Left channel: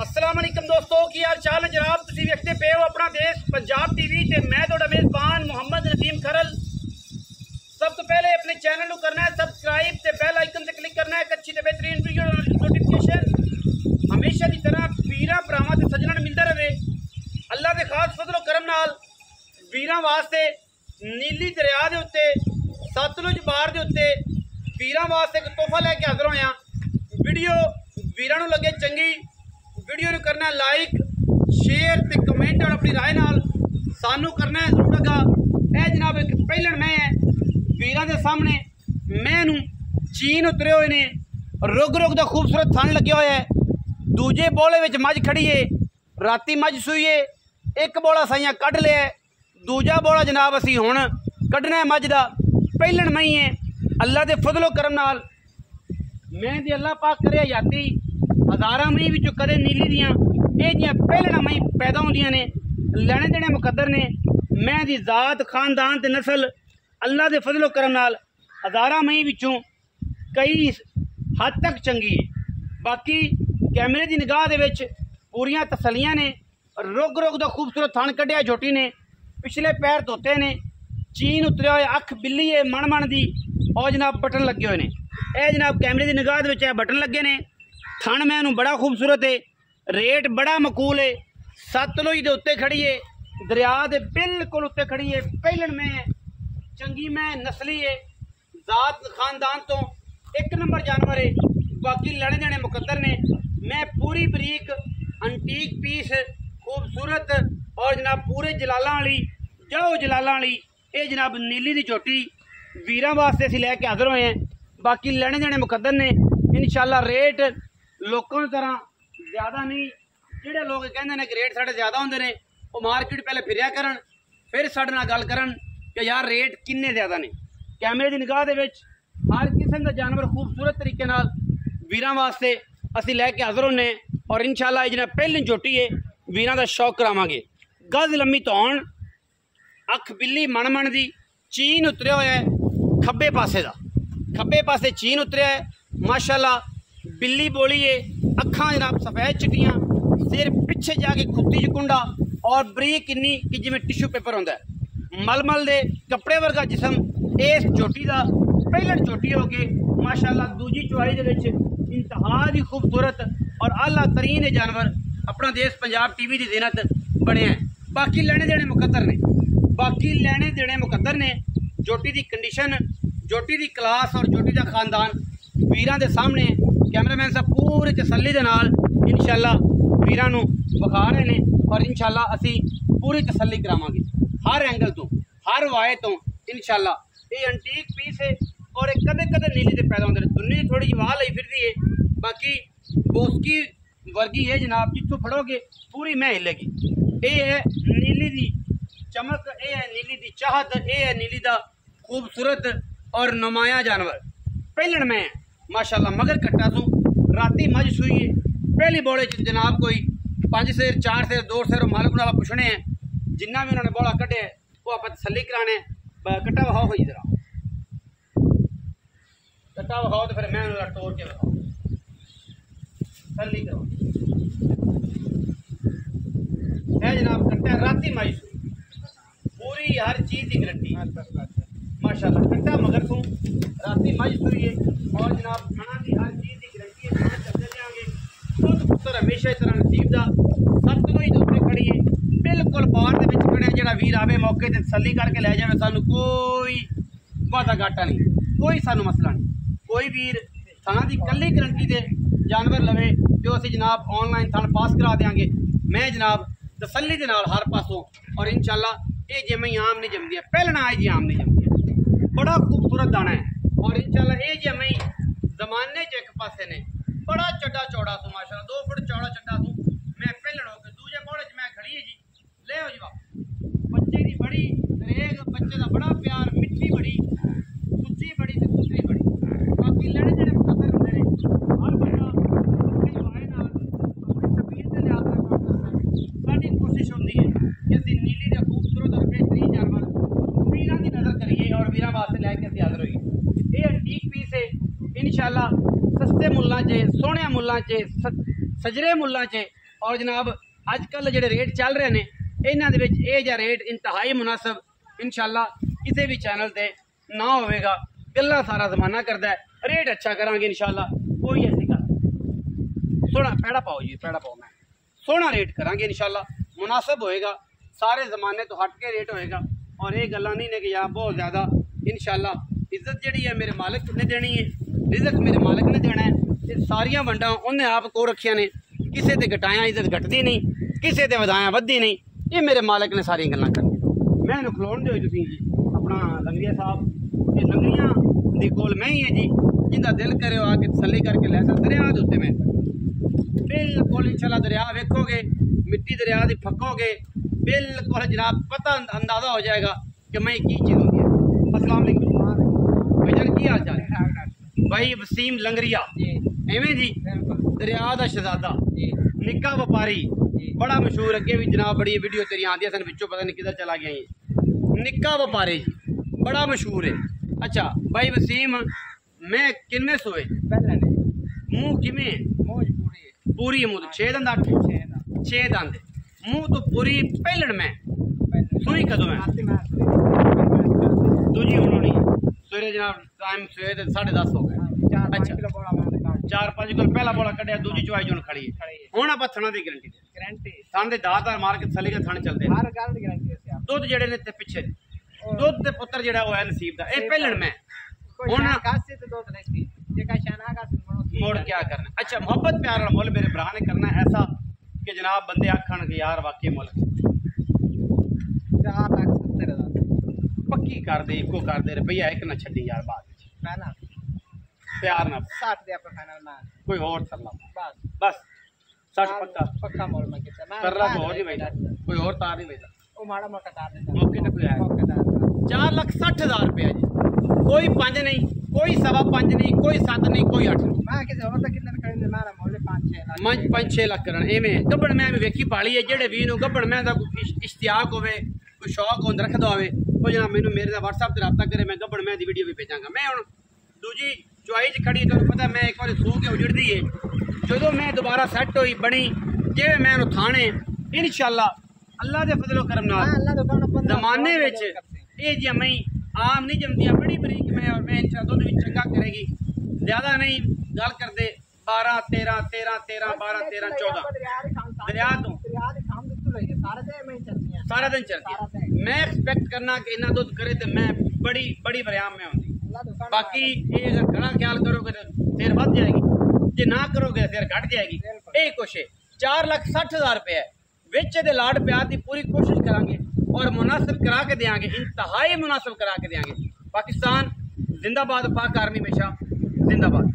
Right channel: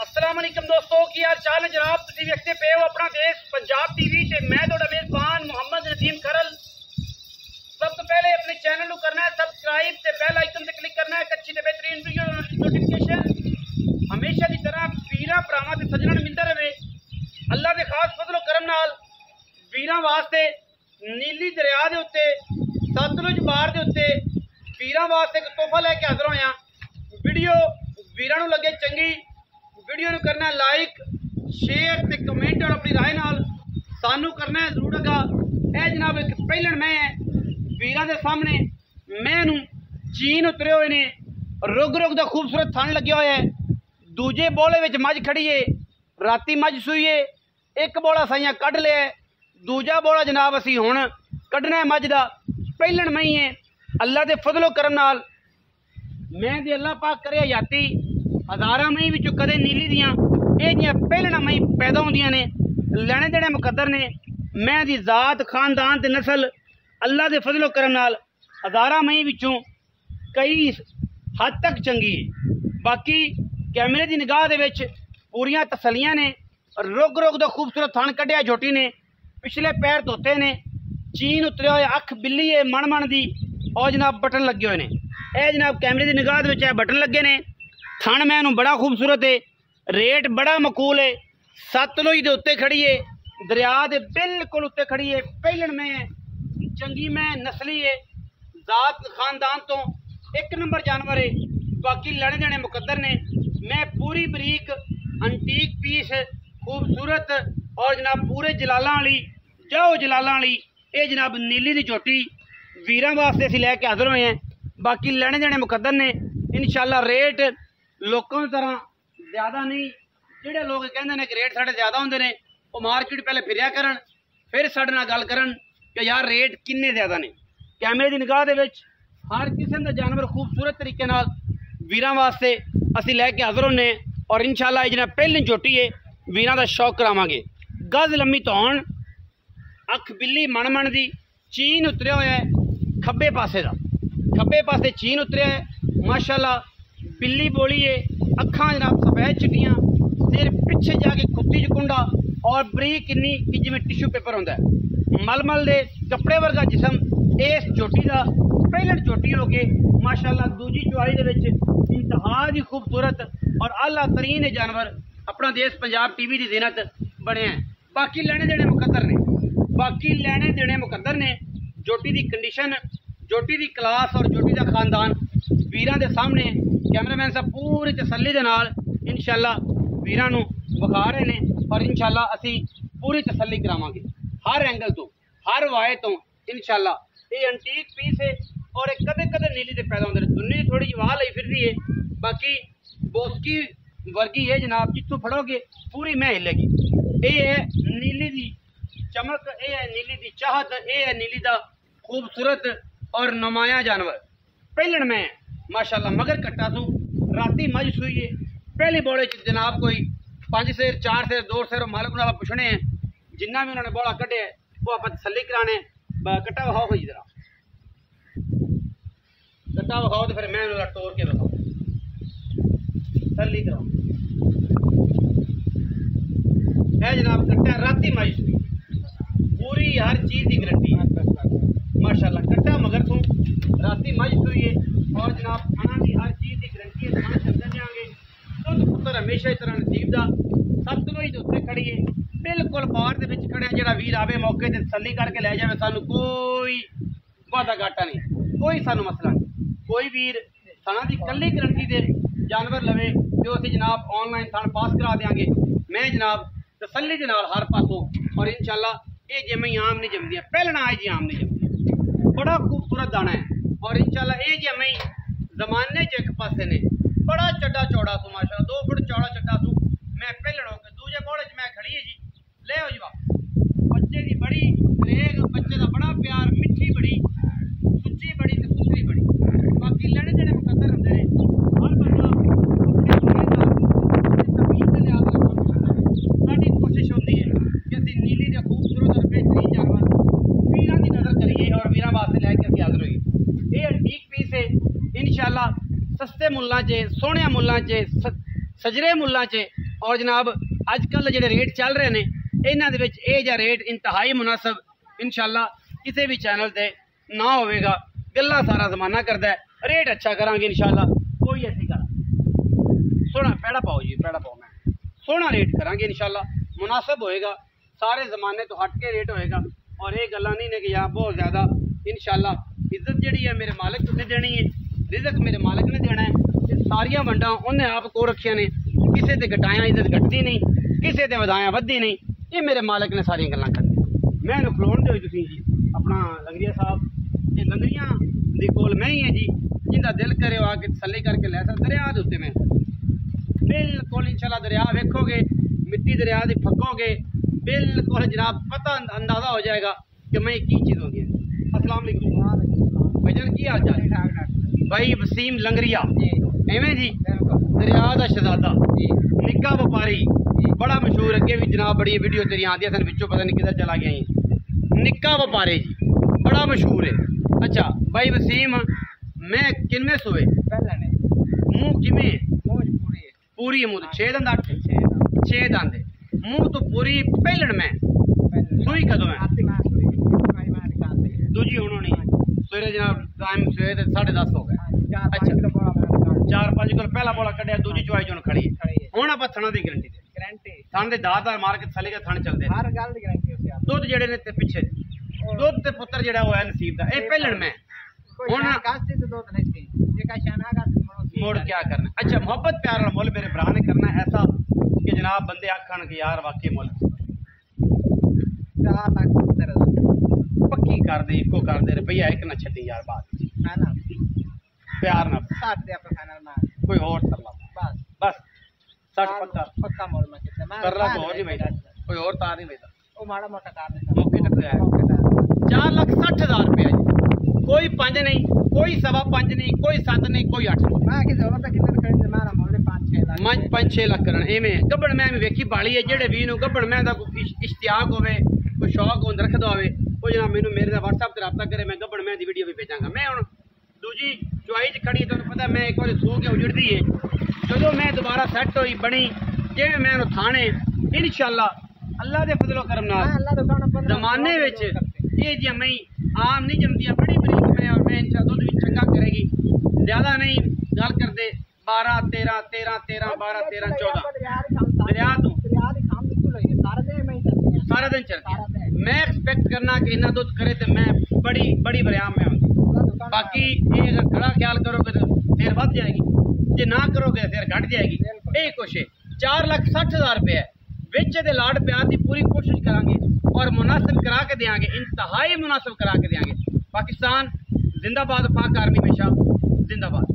अस्सलाम वालेकुम दोस्तों, की हाल चाल है जनाब। तुसीं वेखदे पे हो अपना देश पंजाब टीवी ते मैं तुहाडा मेज़बान मोहम्मद नदीम खरल। सब तो पहले अपने चैनल को करना है सबसक्राइब ते बेल आइकन से क्लिक करना है। एक अच्छी ते बेहतरीन वीडियो नोटिफिकेशन हमेशा की तरह वीरां भरावां ते सज्जणां नूं मिलदा रहे। अल्लाह दे खास फजलो करम नाल वीरां वास्ते नीली दरिया दे उत्ते सतलुज बार दे उत्ते वीरां वास्ते एक तोहफा लैके हाज़र होया। वीडियो वीरां नूं लगे चंगी, वीडियो नूं करना लाइक शेयर ते कमेंट और अपनी राय नाल सानू करना है जरूर लगा। यह जनाब एक पहलन मैं है वीरां दे सामने मैं नूं चीन उतरे हुए ने, रुग रुग दा खूबसूरत थन लगे हुए है। दूजे बोले विच मझ खड़ी है, राती मझ सूई है, एक बोला साइयां कढ़ लिया, दूजा बोला जनाब असी हुण कढ़ना है मझ दा। पहलन मई है अल्लाह दे फजलो करम नाल मैं दे अल्लाह पाक करे याती हज़ारां मई विचों कदे नीली दियां ये जियां पहलना मई पैदा होंदियां ने। लैने देने मुकद्दर ने, मैं दी जात खानदान ते नस्ल अल्लाह दे फजलो करम नाल हज़ारां मई विचों कई हद तक चंगी है। बाकी कैमरे की निगाह दे विच पूरियां तसलियां ने। रुग रुग दा खूबसूरत थन कढ़िया झोटी ने, पिछले पैर धोते ने, चीन उतरे हुए, अख बिल्ली है मन दी और जनाब बटन लगे हुए ने। यह जनाब कैमरे की निगाह दे विच बटन लगे ने। थन मैनू बड़ा खूबसूरत है, रेट बड़ा मकूल है। सतलुज दे उत्ते खड़ी है, दरिया दे बिल्कुल उत्ते खड़ी है। पहलन में है चंगी मैं नस्ली है, जात खानदान तो एक नंबर जानवर है। बाकी लड़े देने मुकद्दर ने। मैं पूरी बरीक अंटीक पीस खूबसूरत और जनाब पूरे जलालां वाली जाओ जलालां वाली ये जनाब नीली दी झोटी वीरां वास्ते असीं लैके हाज़र होए हैं। बाकी लैने देने मुकद्दर ने। इंशाअल्लाह रेट लोगों की तरह ज़्यादा नहीं। जिहड़े लोग कहंदे ने कि रेट साढ़े ज़्यादा होंदे ने वो मार्केट पहले फिरिया करन फिर साढ़े नाल गल करन कि यार रेट किन्ने ज़्यादा ने। कैमरे की निगाह दे विच हर किस्म का जानवर खूबसूरत तरीके नाल वीरां वास्ते असीं लैके हाज़र होने और इंशाअल्लाह ये जनाब पहली झोटी है वीरां दा शौक करावांगे। गज लम्मी धौन, अख बिल्ली मन दी, चीन उतरिया होया है खब्बे पासे दा, खब्बे पासे चीन उतरिया है माशाअल्लाह। बिल्ली बोली है, अखां जनाब सफेद चिट्टियां, सिर पिछे जाके खुत्ती च कुंडा और बरीक इन्नी कि जिवें टिशू पेपर होंदा है। मलमल दे कपड़े वर्गा जिसम इस झोटी दा पहलन झोटी हो गए माशाअल्लाह। दूजी चुआई दे विच इंतहा दी खूबसूरत और आला तरीन जानवर अपना देश पंजाब टीवी की ज़ीनत बने हैं। बाकी लेने देने मुकद्दर ने, बाकी लेने देने मुकद्दर ने। झोटी की कंडीशन, झोटी की क्लास और झोटी का खानदान वीरां दे सामने कैमरामैन साहब पूरी तसल्ली दे नाल इंशाअल्लाह वीरां नूं विखा रहे ने और इंशाअल्लाह असी पूरी तसल्ली करावांगे हर एंगल तो हर वाए तो इंशाअल्लाह। ये एंटीक पीस है और एक कदे कदे नीली ते पैदा होंदे ने। दुन्नी थोड़ी जी वाह लई फिरदी है, बाकी बोस्की वर्गी है जनाब, जितों फड़ोगे पूरी मैं हिलेगी। ये है नीली दी चमक, ये है नीली दी चाहत, ये है नीली दा खूबसूरत और नुमाया जानवर। पहलन मैं माशाअल्लाह मगर कट्टा सू, राती मझ सूई है। पहली बोले जनाब कोई 5 सेर 4 सेर 2 सेर मालक नाल पुछने हैं, जिन्ना भी उन्होंने बोला कढ़े वो आप तसल्ली कराने। कट्टा विखाओ कोई जरा कट्टा विखाओ तो फिर मैं तोड़ के विखाओ तसल्ली कराओ। है जनाब कट्टा राती मझ सूई, पूरी हर चीज़ की गारंटी माशाअल्लाह। कट्टा मगर सू राती मझ सूई है और जनाब खाना की हर चीज़ की गारंटी है। चल जाएंगे खुद पुत्र हमेशा इस तरह नसीब का सतलुज उत्ते खड़ी है बिल्कुल बार दे विच खड़े। जिहड़ा वीर आवे मौके ते तसल्ली करके लै जाए, सानू कोई वादा घाटा नहीं, कोई सानू मसला नहीं। कोई वीर थाना की कल्ली गारंटी दे जानवर लवे जो असीं जनाब ऑनलाइन थाना पास करा देंगे। मैं जनाब तसल्ली दे नाल हर पासों और इंशाअल्लाह ये जिमें आम नहीं जमदियां, पहलना आज जी आम नहीं जमदियां। बड़ा खूबसूरत दाना है और इंशाअल्लाह ये जिमें जमाने च एक पासे ने बड़ा चड्डा चौड़ा सू माशाअल्लाह, 2 फुट चौड़ा चड्डा सू। मैं पहलन हो के दूजे बोले च मैं खड़ी है जी, ले हो जी वापस। बच्चे की बड़ी रेग, बच्चे का बड़ा प्यार, मिठी बड़ी, सुच्ची बड़ी ते सुथरी बड़ी। बाकी लेने देने मुकद्दर होंदे ने। हर साडी कोशिश होती है कि असीं नीली दे खूबसूरत और बेहतरीन जानवर वीरां की नज़र करिए और वीरां वास्ते लैके असीं हाज़र होइए। ये एंटीक पीस है इंशाअल्लाह सस्ते मुल्लां च, सोहणे मुल्लां च, सजरे मुल्लां च और जनाब अजकल जो रेट चल रहे हैं इन्हों के रेट इंतहाई मुनासिब इंशाअल्लाह किसी भी चैनल से ना होगा। गल्ला सारा जमाना करता है, रेट अच्छा करांगे इंशाअल्लाह। कोई ऐसी गल सोना पैड़ा पाओ जी, पैड़ा पाओ, मैं सोना रेट करांगे इंशाअल्लाह, मुनासिब होएगा, सारे जमाने तो हट के रेट होएगा। और ये गल्ला नहीं ने कि यहाँ बहुत ज़्यादा इंशाअल्लाह इज्जत जी है मेरे मालिक ने देनी है, रिजक मेरे मालिक ने देना है। ये सारिया वंडा उन्हें आप को रखिया ने, किसी से घटाया इज्जत घटती नहीं, किसी से वधाया वधदी नहीं, ये मेरे मालिक ने सारिया गल्लां करनी। मैं खलोन दो जी अपना लंगरिया साहब, ये लंगरिया दी कोल मैं ही है जी, जिंदा दिल करे आके तसल्ली करके लै सकते। दरिया के उत्ते मैं बिल्कुल इंशाअल्लाह दरिया वेखोगे, मिट्टी दरिया की फकोगे, बिल्कुल जनाब पता अंदाजा हो जाएगा कि मैं की चीज़ होती है। अस्सलाम वालेकुम भाईजान, की हाल चाल है? भाई वसीम लंगरिया एवें जी, दरिया का शहजादा, निक्का व्यापारी, बड़ा मशहूर, अगे भी जनाब बड़ी वीडियो तेरी आती है, पिछों पता नहीं किधर चला गया जी। निक्का व्यापारी जी बड़ा मशहूर है। अच्छा भाई वसीम, मैं किनमें सोए मुँह किमें पूरी मुँह 6 दंद 8 6 दंद मुँह तो पूरी पहलण में सूई कदों है दूजी उन्होंने सवेरे जनाब टाइम सवेरे 10:30 हो गए। अच्छा 4-5 किलो पहला बोला कटिया, दूजी चुआई जो खड़ी है हूँ आप थना की गारंटी थाने दात मार के थली के थाने चलते दुध जेडे ने ते पिछे दुध ते पुत्र जेड़ा होया नसीब दा ए पहलण में मोड़ क्या करना। अच्छा मोहब्बत प्यार वाला मुल मेरे भरा ने करना ऐसा कि जनाब बंदे आखन कि यार वाकई मुल 4,70,000 पक्की कर दे, इको कर दे रुपया एक ना छड़ी यार, बात प्यार ना कोई और सरला बस 60 पक्का मोल में कर रहा कोई और नहीं बैठा, कोई और तार नहीं बैठा वो माड़ा मोटा कार मौके तक आया 4,60,000 रुपया जी। कोई 5 नहीं, कोई 5.25 नहीं, कोई 7 नहीं, कोई 8 नहीं। मैं किसी और तक कितने खरीदने मारा मोले 5-6 लाख करन एवें गब्बड़ मैं वेखी पाली है। जेड़े भी नु गब्बड़ मैं दा कोई इश्तियाक होवे, कोई शौक होंद रखदा होवे, वो जनाब मेनू मेरे दा WhatsApp ते राब्ता करे, मैं गब्बड़ मैं दी वीडियो भी भेजांगा। मैं हुन दूजी चुआई च खड़ी, तुहानू पता मैं एक बार सो के उजड़दी है, जदों मैं दोबारा सैट होई बनी जिवें मैं उन्हें थाने इंशाअल्लाह अल्लाह दे फजलो करम नाल जमाने विच ये जी मैं आम नहीं जमदियां, बड़ी बरीक में, और मैं इंशाअल्लाह दुध भी चंगा करेगी, ज़्यादा नहीं गल करते 12 13 13 13 12 13 14 दरिया तो सारा दिन चलती है। मैं एक्सपेक्ट करना कि इन्ना दुध करे तो मैं बड़ी बड़ी बरियाम में आती। बाकी ये अगर खड़ा ख्याल करोगे तो फिर बढ़ जाएगी, जे ना करोगे फिर घट जाएगी। यही कुछ है 4,60,000 रुपये विच दे लाड प्यार की पूरी कोशिश करांगे और मुनासिब करा के देंगे, इंतहाई मुनासिब करा के देंगे। पाकिस्तान जिंदाबाद, पाक आर्मी हमेशा जिंदाबाद।